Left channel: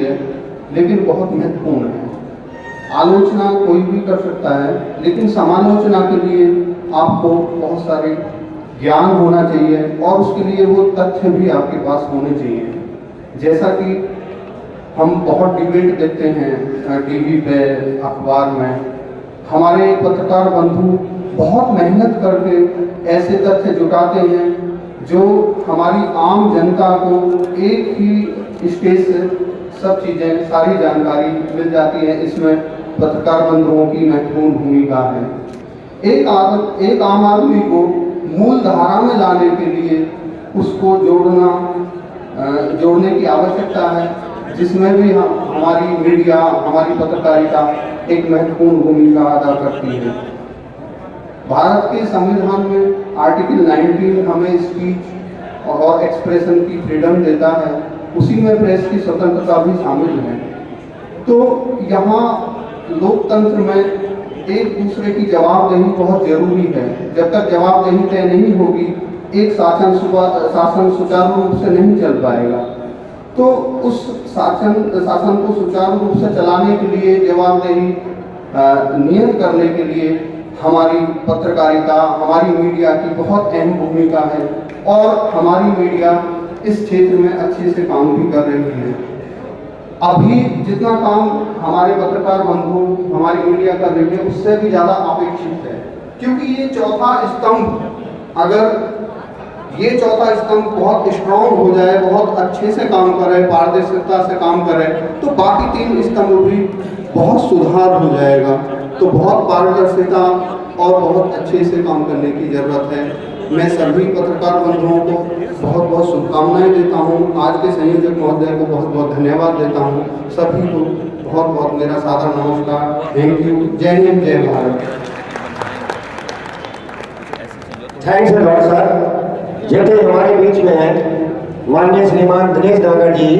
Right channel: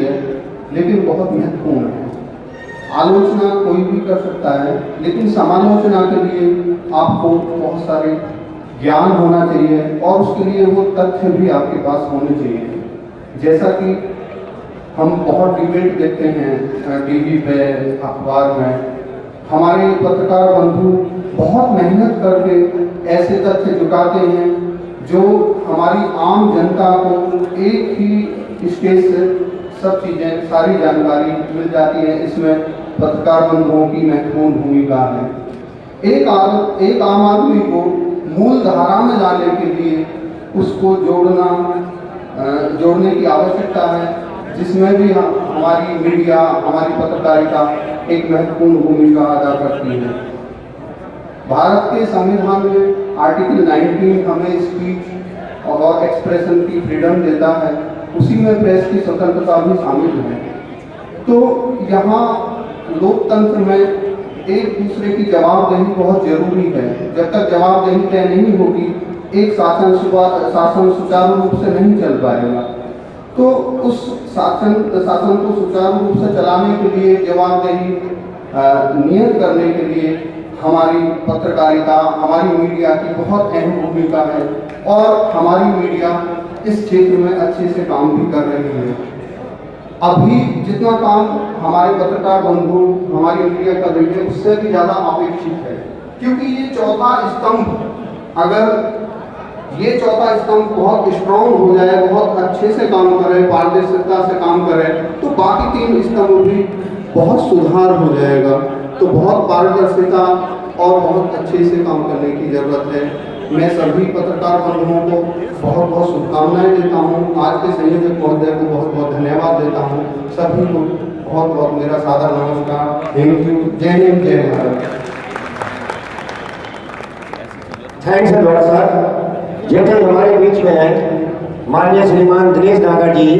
है, लेकिन बहुत महत्वपूर्ण है। आलोचना कोई भी कर सकता है, लेकिन समालोचना के लिए आपको बहुत सारे ज्ञान होना चाहिए और उसके लिए वो तथ्य भी आपके पास होने चाहिए। जैसा कि हम बहुत डिबेट देखते हैं टीवी पे, अखबार में, हमारे पत्रकार बंधु बहुत मेहनत करके ऐसे तथ्य जुटाते हैं जो हमारी आम जनता को एक ही स्टेज से सब चीज़ें, सारी जानकारी मिल जाती है। इसमें पत्रकार बंधुओं की महत्वपूर्ण भूमिका है। एक आम आदमी को मूल धारा में लाने के लिए उसको जोड़ने की आवश्यकता है, जिसमें भी हमारी मीडिया, हमारी पत्रकारिता एक महत्वपूर्ण भूमिका अदा करती है। भारत के संविधान में आर्टिकल 19 हमें स्पीच और एक्सप्रेशन की फ्रीडम देता है, उसी में प्रेस की स्वतंत्रता भी शामिल है। तो यहाँ लोकतंत्र में एक दूसरे की जवाबदेही बहुत जरूरी है। जब तक जवाबदेही तय नहीं होगी, एक शासन सुचारू रूप से नहीं चल पाएगा। तो उस शासन को सुचारू रूप से चलाने के लिए, जवाबदेही नियत करने के लिए हमारी पत्रकारिता, हमारी मीडिया की बहुत अहम भूमिका है और हमारी मीडिया इस क्षेत्र में अच्छे से काम भी कर रही है। अभी जितना काम हमारे पत्रकार बंधु, हमारी मीडिया कर रही है, उससे भी ज़्यादा अपेक्षित है, क्योंकि ये चौथा स्तंभ, अगर ये चौथा स्तंभ बहुत स्ट्रॉन्ग हो जाए, बहुत अच्छे से काम करे, पारदर्शिता से काम करे, तो बाकी तीन स्तंभ भी बहुत सुधार हो जाएगा। तो बहुत पारदर्शिता और बहुत अच्छे से काम करने की जरूरत है। मैं सभी पत्रकार बंधुओं को बहुत बहुत शुभकामनाएं देता हूँ। आज के संयोजक महोदय को बहुत बहुत धन्यवाद देता हूँ। सभी को बहुत बहुत मेरा सादर नमस्कार। Thank you. जय हिंद, जय Bharat. Thanks a lot sir. जैसे हमारे बीच में है माननीय श्रीमान दिनेश नागर जी,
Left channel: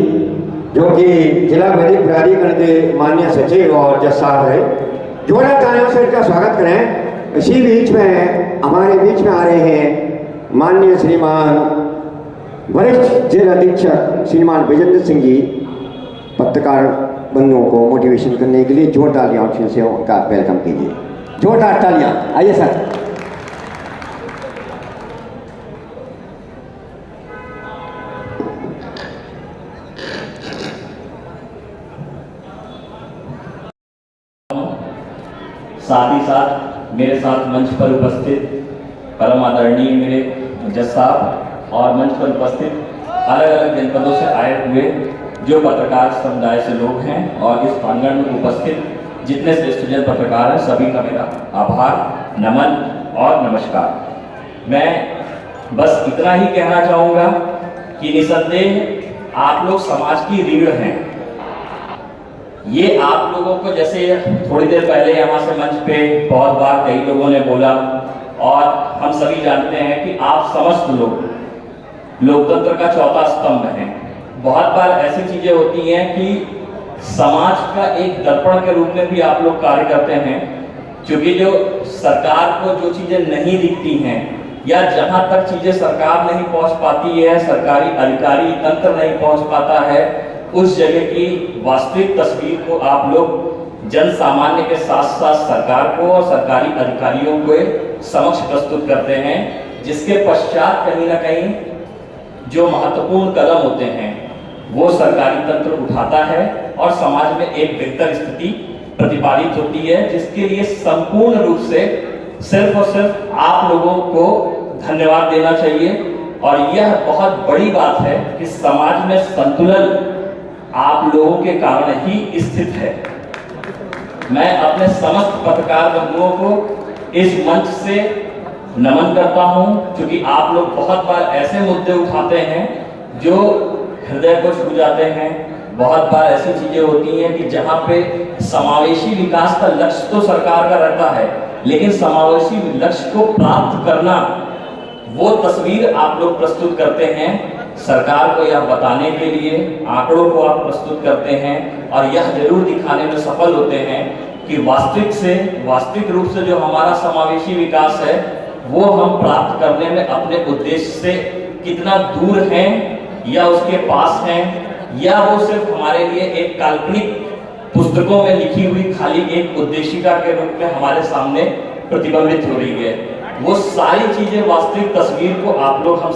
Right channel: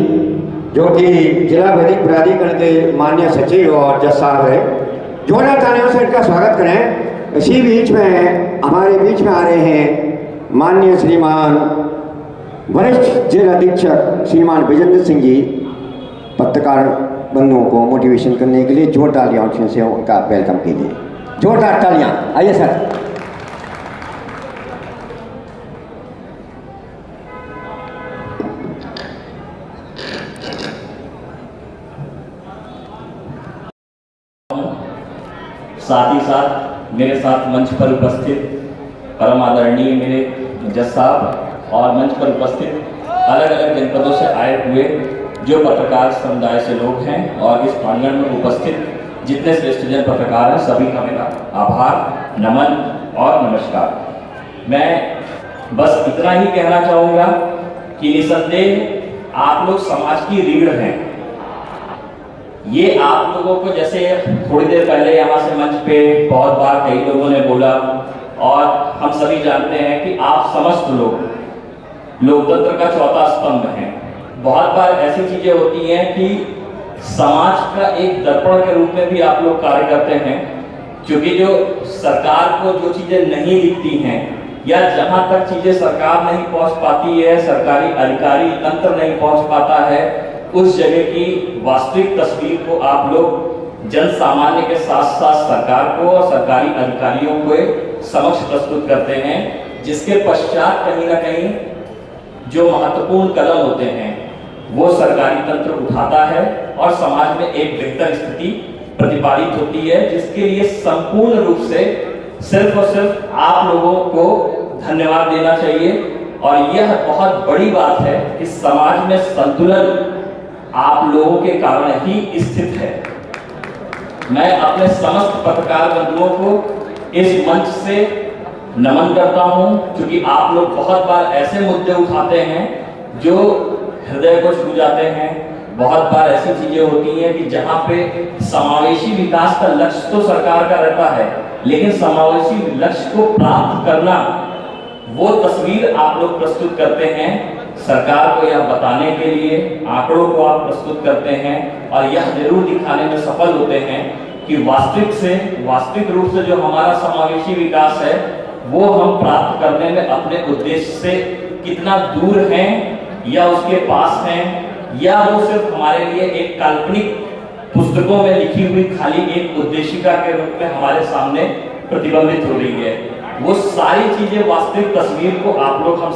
जो कि जिला वैदिक प्राधिकरण के माननीय सचिव और जज साहब है। जोरदार तालियों से इनका स्वागत करें। इसी बीच में हमारे बीच में आ रहे हैं माननीय श्रीमान वरिष्ठ जेल अधीक्षक श्रीमान विजेंद्र सिंह जी, पत्रकार बंधुओं को मोटिवेशन करने के लिए जोरदार तालियों से उनका वेलकम कीजिए। जोरदार तालियां। आइए सर। साथ ही साथ मेरे साथ मंच पर उपस्थित परम आदरणीय मेरे जज साहब और मंच पर उपस्थित अलग अलग जनपदों से आए हुए जो पत्रकार समुदाय से लोग हैं और इस प्रांगण में उपस्थित जितने श्रेष्ठ जन पत्रकार हैं, सभी का मेरा आभार, नमन और नमस्कार। मैं बस इतना ही कहना चाहूँगा कि निसंदेह आप लोग समाज की रीढ़ हैं। ये आप लोगों को, जैसे थोड़ी देर पहले यहाँ से मंच पे बहुत बार कई लोगों ने बोला और हम सभी जानते हैं कि आप समस्त लोग लोकतंत्र का चौथा स्तंभ हैं। बहुत बार ऐसी चीजें होती हैं कि समाज का एक दर्पण के रूप में भी आप लोग कार्य करते हैं, क्योंकि जो सरकार को जो चीजें नहीं दिखती हैं या जहां तक चीजें सरकार नहीं पहुंच पाती है, सरकारी अधिकारी तंत्र नहीं पहुंच पाता है, उस जगह की वास्तविक तस्वीर को आप लोग जन सामान्य के साथ साथ सरकार को और सरकारी अधिकारियों को समक्ष प्रस्तुत करते हैं, जिसके पश्चात कहीं ना कहीं जो महत्वपूर्ण कदम होते हैं वो सरकारी तंत्र उठाता है और समाज में एक बेहतर स्थिति प्रतिपादित होती है, जिसके लिए संपूर्ण रूप से सिर्फ और सिर्फ आप लोगों को धन्यवाद देना चाहिए। और यह बहुत बड़ी बात है कि समाज में संतुलन आप लोगों के कारण ही स्थित है। मैं अपने समस्त पत्रकार बंधुओं को इस मंच से नमन करता हूं, क्योंकि आप लोग बहुत बार ऐसे मुद्दे उठाते हैं जो हृदय को छू जाते हैं। बहुत बार ऐसी चीजें होती हैं कि जहां पे समावेशी विकास का लक्ष्य तो सरकार का रहता है, लेकिन समावेशी लक्ष्य को प्राप्त करना, वो तस्वीर आप लोग प्रस्तुत करते हैं। सरकार को यह बताने के लिए आंकड़ों को आप प्रस्तुत करते हैं और यह जरूर दिखाने में सफल होते हैं कि वास्तविक रूप से जो हमारा समावेशी विकास है वो हम प्राप्त करने में अपने उद्देश्य से कितना दूर हैं या उसके पास हैं, या वो सिर्फ हमारे लिए एक काल्पनिक पुस्तकों में लिखी हुई खाली एक उद्देशिका के रूप में हमारे सामने प्रतिबिंबित हो रही है। वो सारी चीजें वास्तविक तस्वीर को आप लोग हम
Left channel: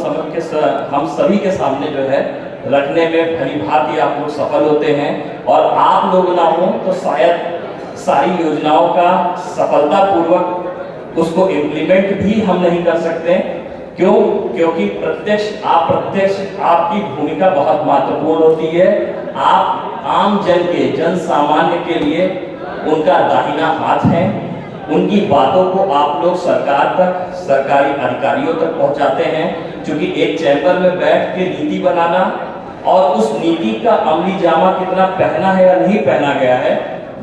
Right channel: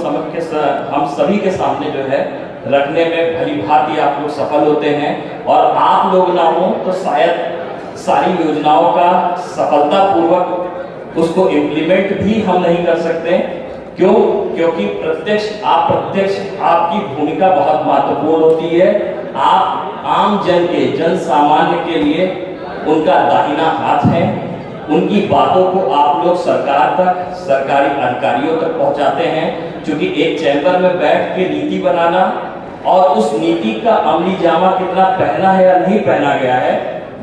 सभी के सामने जो है रखने में भली भांति आप लोग सफल होते हैं, और आप लोग ना हो तो शायद सारी योजनाओं का सफलतापूर्वक उसको इम्प्लीमेंट भी हम नहीं कर सकते। क्यों? क्योंकि प्रत्यक्ष आपकी भूमिका बहुत महत्वपूर्ण होती है। आप आम जन के, जन सामान्य के लिए उनका दाहिना हाथ है। उनकी बातों को आप लोग सरकार तक, सरकारी अधिकारियों तक पहुंचाते हैं। क्योंकि एक चैम्बर में बैठ के नीति बनाना और उस नीति का अमली जामा कितना पहना है या नहीं पहना गया है,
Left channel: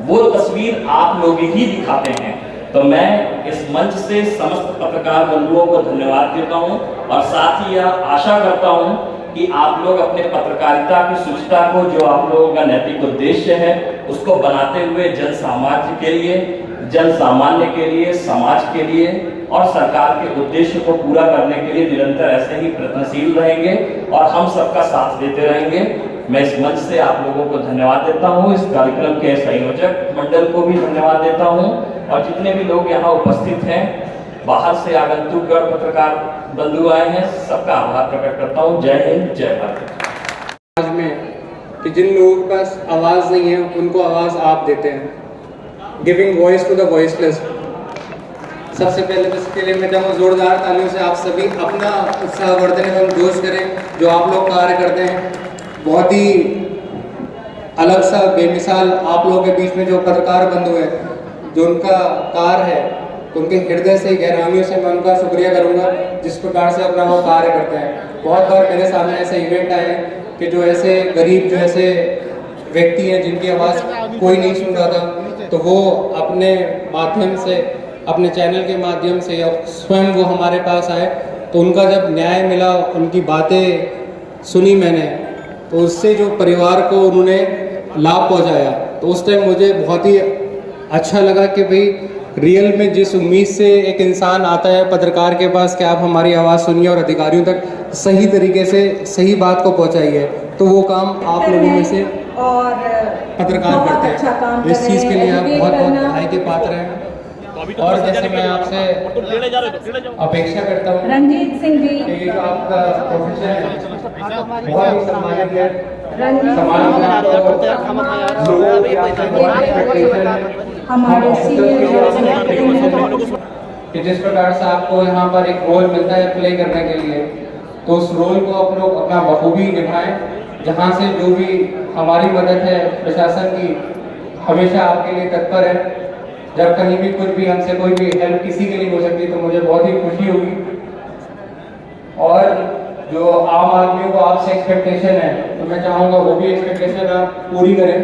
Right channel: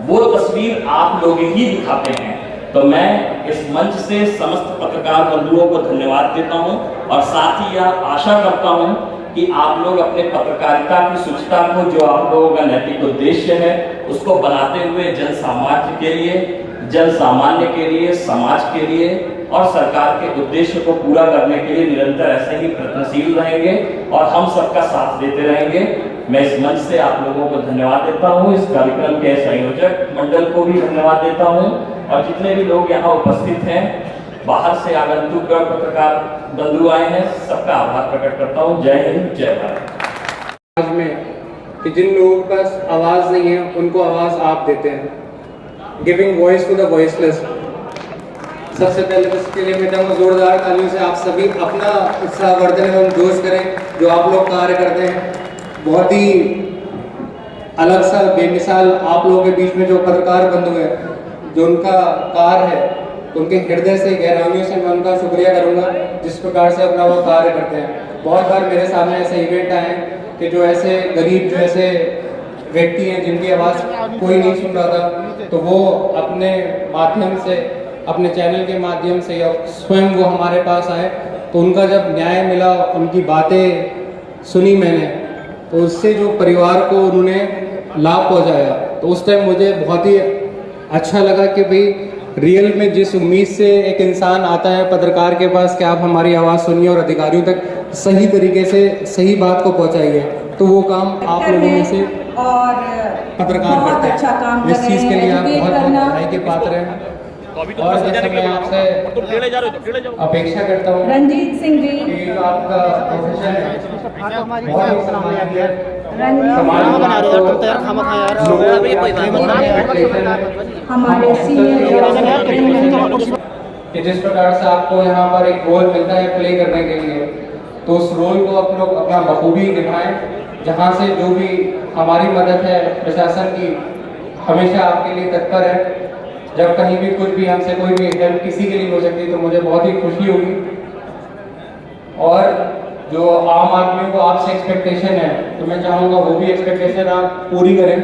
वो तस्वीर आप लोग ही दिखाते हैं। तो मैं इस मंच से समस्त पत्रकार बंधुओं को धन्यवाद देता हूं, और साथ ही यह आशा करता हूं कि आप लोग अपने पत्रकारिता की शुचिता को, जो आप लोगों का नैतिक उद्देश्य है, उसको बनाते हुए जन सामान्य के लिए, जन सामान्य के लिए, समाज के लिए और सरकार के उद्देश्य को पूरा करने के लिए निरंतर ऐसे ही प्रयत्नशील रहेंगे और हम सबका साथ देते रहेंगे। मैं इस मंच से आप लोगों को धन्यवाद देता हूं, इस कार्यक्रम के संयोजक मंडल को भी धन्यवाद देता हूं, और जितने भी लोग यहाँ उपस्थित हैं, बाहर से आगंतुक पत्रकार बंधु आए हैं, सबका आभार प्रकट करता हूँ। जय हिंद, जय भारत। आज में कि जिन लोगों के पास आवाज नहीं है उनको आवाज आप देते हैं, giving voice to the voiceless. सबसे पहले उसके लिए मैं चाहूँगा जोरदार तालियों से आप सभी अपना उत्साहवर्धन एवं जोश करें जो आप लोग कार्य करते हैं। बहुत ही अलग सा बेमिसाल आप लोगों के बीच में जो पत्रकार बंधु है, जो उनका कार्य है, तो उनके हृदय से, गहराइयों से मैं उनका शुक्रिया करूंगा जिस प्रकार से अपना वो कार्य करते हैं। बहुत बार मेरे सामने ऐसे इवेंट आए कि जो ऐसे गरीब, जो ऐसे व्यक्ति हैं जिनकी आवाज़ कोई नहीं सुन रहा था, तो वो अपने माध्यम से, अपने चैनल के माध्यम से या स्वयं वो हमारे पास आए, तो उनका जब न्याय मिला, उनकी बातें सुनी मैंने, तो उससे जो परिवार को उन्होंने लाभ पहुंचाया, तो उस टाइम मुझे बहुत ही अच्छा लगा कि भाई रियल में जिस उम्मीद से एक इंसान आता है पत्रकार के पास कि आप हमारी आवाज़ सुनिए और अधिकारियों तक सही तरीके से सही बात को पहुंचाइए, तो वो काम आप लोगों में से पत्रकार करते हैं। अच्छा काम इस चीज़ के लिए आप बहुत बधाई के पात्र हैं। और जैसे मैं आपसे अपेक्षा करता हूँ रंजीत सिंह जी कि आपका प्रोफेशन है बहुत ही सम्मानित है, हमारे सीनियर कि जिस प्रकार से आपको यहाँ पर एक रोल मिलता है प्ले करने के लिए, तो उस रोल को आप लोग अपना बखूबी निभाएं। जहाँ से जो भी हमारी मदद है, प्रशासन की हमेशा आपके लिए तत्पर है। जब कहीं भी कुछ भी हमसे कोई भी हेल्प किसी के लिए हो सकती है तो मुझे बहुत ही खुशी होगी। और जो आम आदमियों को आपसे एक्सपेक्टेशन है, तो मैं चाहूँगा वो भी एक्सपेक्टेशन आप पूरी करें।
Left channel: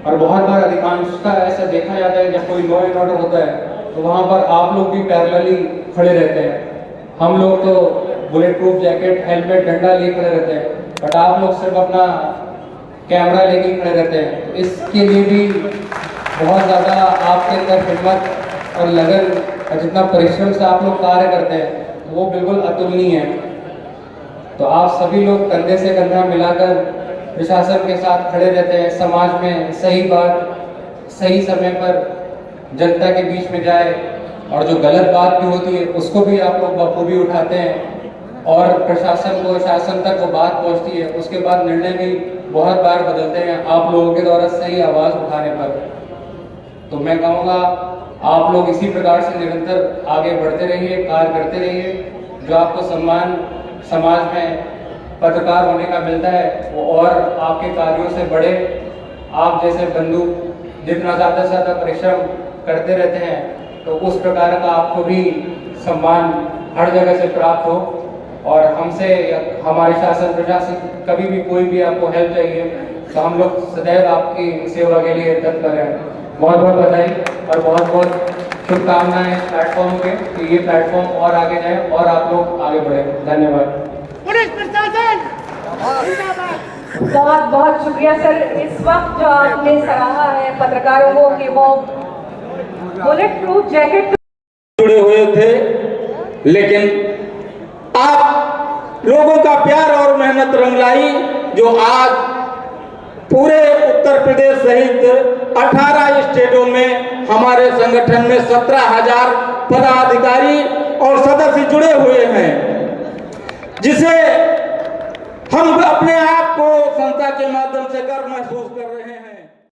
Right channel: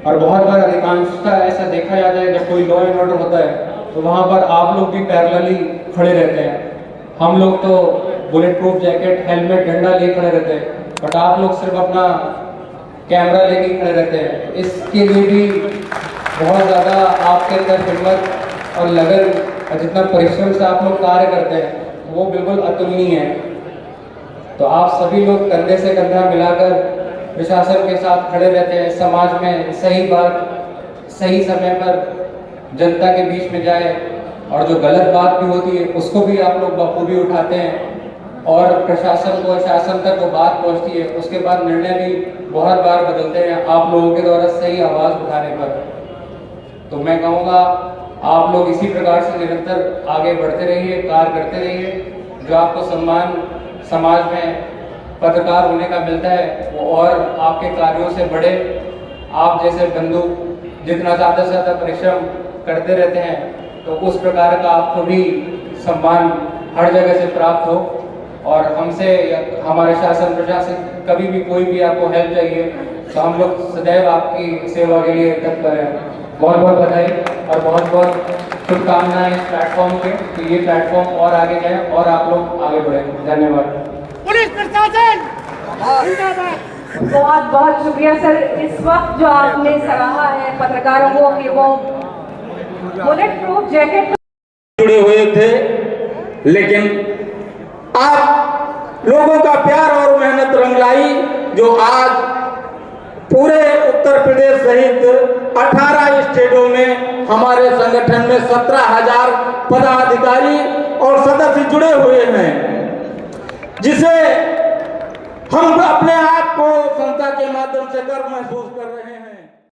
और बहुत बार अधिकांशता ऐसा देखा जाता है जब कोई लॉ एंड ऑर्डर होता है तो वहाँ पर आप लोग भी पैरेलली खड़े रहते हैं। हम लोग तो बुलेट प्रूफ जैकेट, हेलमेट, डंडा ले खड़े रहते हैं, बट आप लोग सिर्फ अपना कैमरा लेके खड़े रहते हैं। इसके लिए भी बहुत ज़्यादा आपके अंदर हिम्मत और लगन और जितना परिश्रम से आप लोग कार्य करते हैं वो बिल्कुल अतुलनीय है। तो आप सभी लोग कंधे से कंधा मिलाकर प्रशासन के साथ खड़े रहते हैं, समाज में सही बात सही समय पर जनता के बीच में जाए, और जो गलत बात भी होती है उसको भी आप लोग बखूबी उठाते हैं और प्रशासन को, शासन तक वो बात पहुंचती है। उसके बाद निर्णय भी बहुत बार बदलते हैं आप लोगों के द्वारा सही आवाज़ उठाने पर। तो मैं कहूँगा आप लोग इसी प्रकार से निरंतर आगे बढ़ते रहिए, कार्य करते रहिए। जो आपको सम्मान समाज में पत्रकार होने का मिलता है वो और आपके कार्यों से बढ़े। आप जैसे बंधु जितना ज़्यादा से ज़्यादा परिश्रम करते रहते हैं तो उस प्रकार का आपको भी सम्मान हर जगह से प्राप्त हो। और हमसे हमारे शासन प्रशासन कभी भी कोई भी आपको हेल्प चाहिए तो हम लोग सदैव आपकी सेवा के लिए तत्पर हैं। बहुत बहुत बधाई और बहुत बहुत शुभकामनाएं इस प्लेटफॉर्म के कि ये प्लेटफॉर्म और आगे जाए और आप लोग आगे बढ़े। धन्यवाद। पुलिस प्रशासन बहुत बहुत शुक्रिया सर। इस वक्त जो आपने सराहा है पत्रकारों को कि वो बुलेट प्रूफ जैकेट जुड़े हुए थे, लेकिन आप लोगों का प्यार और मेहनत रंग लाई जो आज पूरे उत्तर प्रदेश सहित 18 स्टेटों में हमारे संगठन में 17,000 पदाधिकारी और सदस्य जुड़े हुए हैं, जिसे हम अपने आप को संस्था के माध्यम से गर्व महसूस कर रहे हैं।